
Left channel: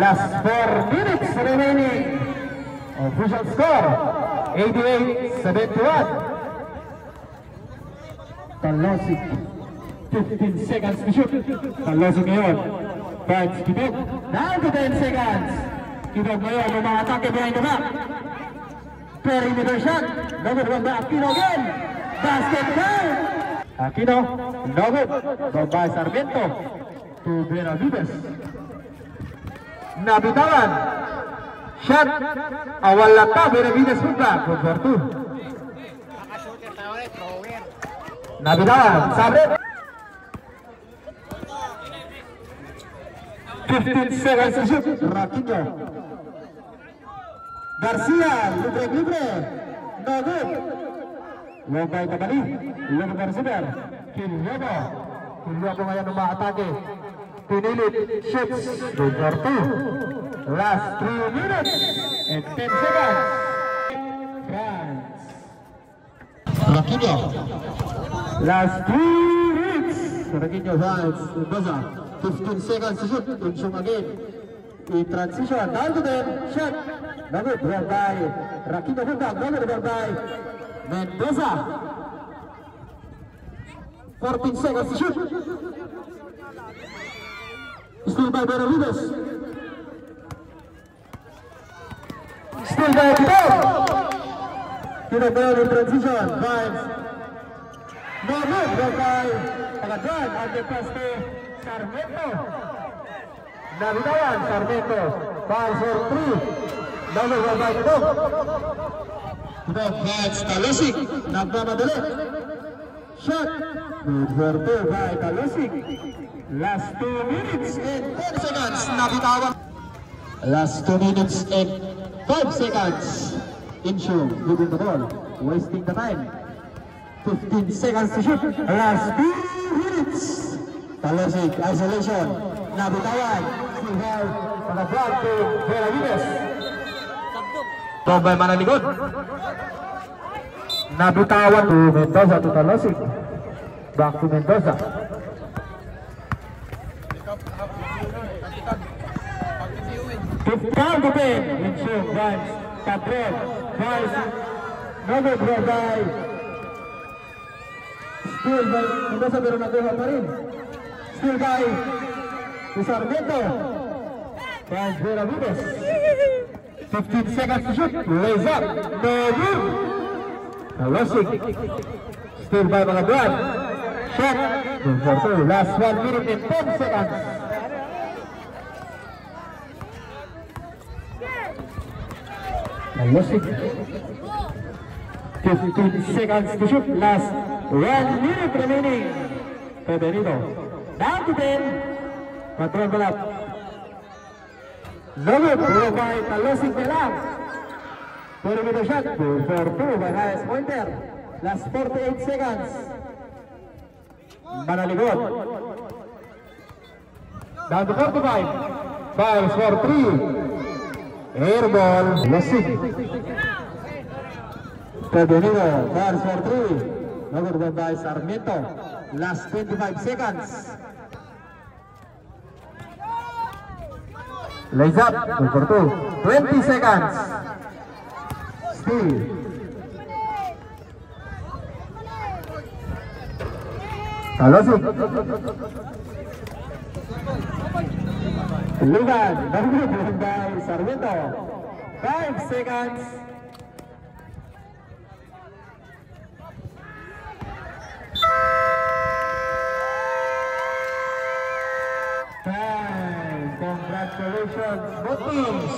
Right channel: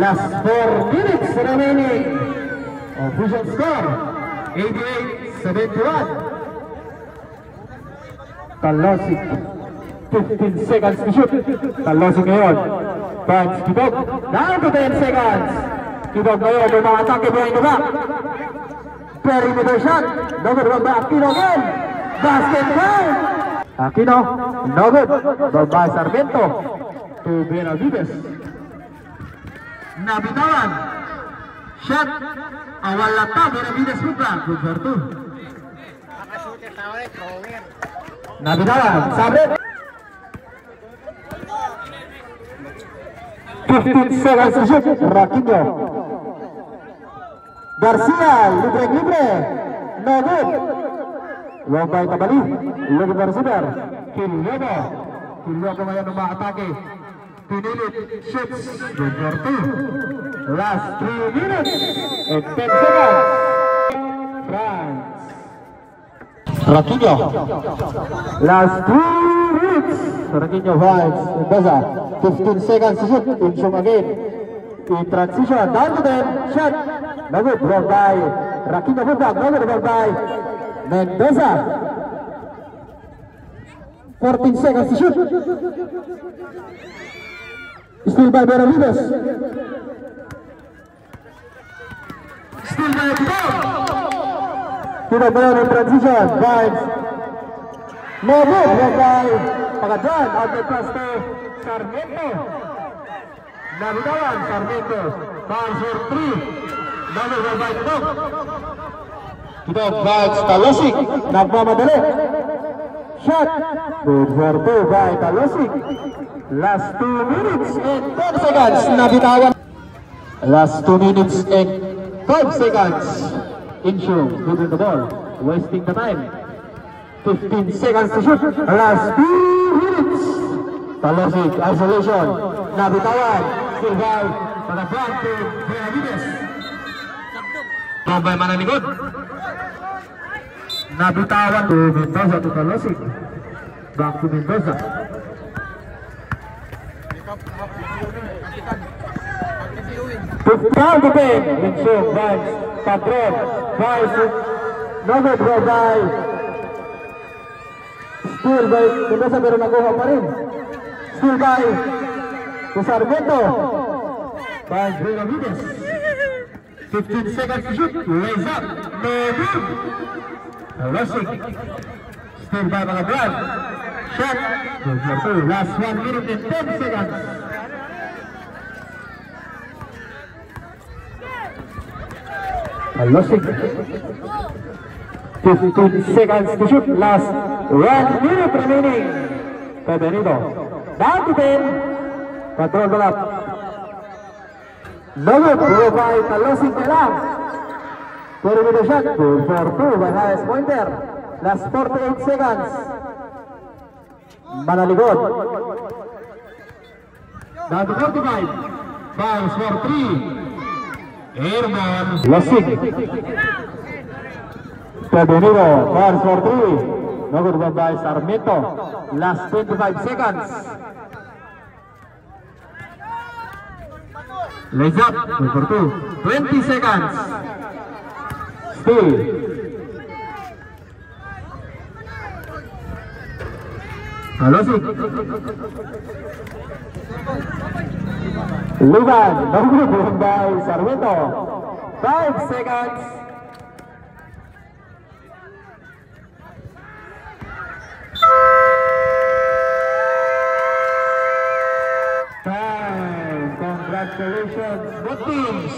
Last 4 minutes remaining. Official score 88-71. Talosik 15 seconds to shoot. Talosik ngayon. Punch Kitog. Down to 10 seconds. Kitog ngayon yung mga atake behind the back. Perimeter shot. Number 1 by Aquino again. Basket count. Aquino, no good. Go by Sarmiento to Benavides. Nabitawan. Shot. Awal lang pa. Benavides buka. Good for 2. Nabitawan. Sabit. 15 seconds to shoot. Raquillo. Garcia. Libre. No good. Long by Tabali. Looking for super. Kinlobo. Kinlobo ngayon ng mga atake. Pinilit. Shoots. Good for 2. Last 3 minutes and 10 seconds. France. Raquillo. Last 3 minutes. Raquillo vibes. Mendoza. 15 seconds to shoot. Inchong again. In transition. Down to them. Shot. No good. Blown by Raquillo. Good back. No good. Blown by Mendoza. 14 seconds to shoot. Still by Benavides. Still by Kitog. Kitog ngayon ang transition. Vibes. No good. Blown by Pagadran. Out the pass to Sarmiento. Nabitawan. Sarmiento. Foul for 3. Double by Kitog. Kitog vibes. Talosik. Nagmamadali. Shot. Good for 2 by Talosik. Last 2 minutes and 10 seconds. Nabitawan. Last 2 minutes and 5 seconds. Inshu moving the ball. Wasting the time. 15 seconds to shoot. Last 2 minutes. Talosik. Isolation. Nabitawan. Survive. Pagabag to Benavides. Tombay Manaligod. Nabitawan to Mendoza to Talosik. Back to Mendoza. Down to 10. Inshow, Vibes, Padron, Vibes, Nogo Bro by Still by Mendoza pero nagawa pa rin. Still by Sarmiento. By Benavides. 15 seconds to shoot. Lays up. No good. Talosik. Still by Malabran. Shot. Goal for 2. Last 1 minute and 10 seconds. Alosig. 15 seconds to shoot. Last 1 minute remaining. Benito. Down to 10. Control ball up. No good. Provide Alosig na lang. 30-meter shot. Goal for 2 by highest pointer. Last 48 seconds. Manaligod. Down to 45. Fouls for 3. Airball. Lasig. Pedinero. Fouls for 3. No good by Sarmiento. Last 25 seconds. Lays up. Goal for 2. 20 seconds. Still. Alosig. Lugan. No good by Sarmiento. 5 seconds. Time. Congratulations, both teams.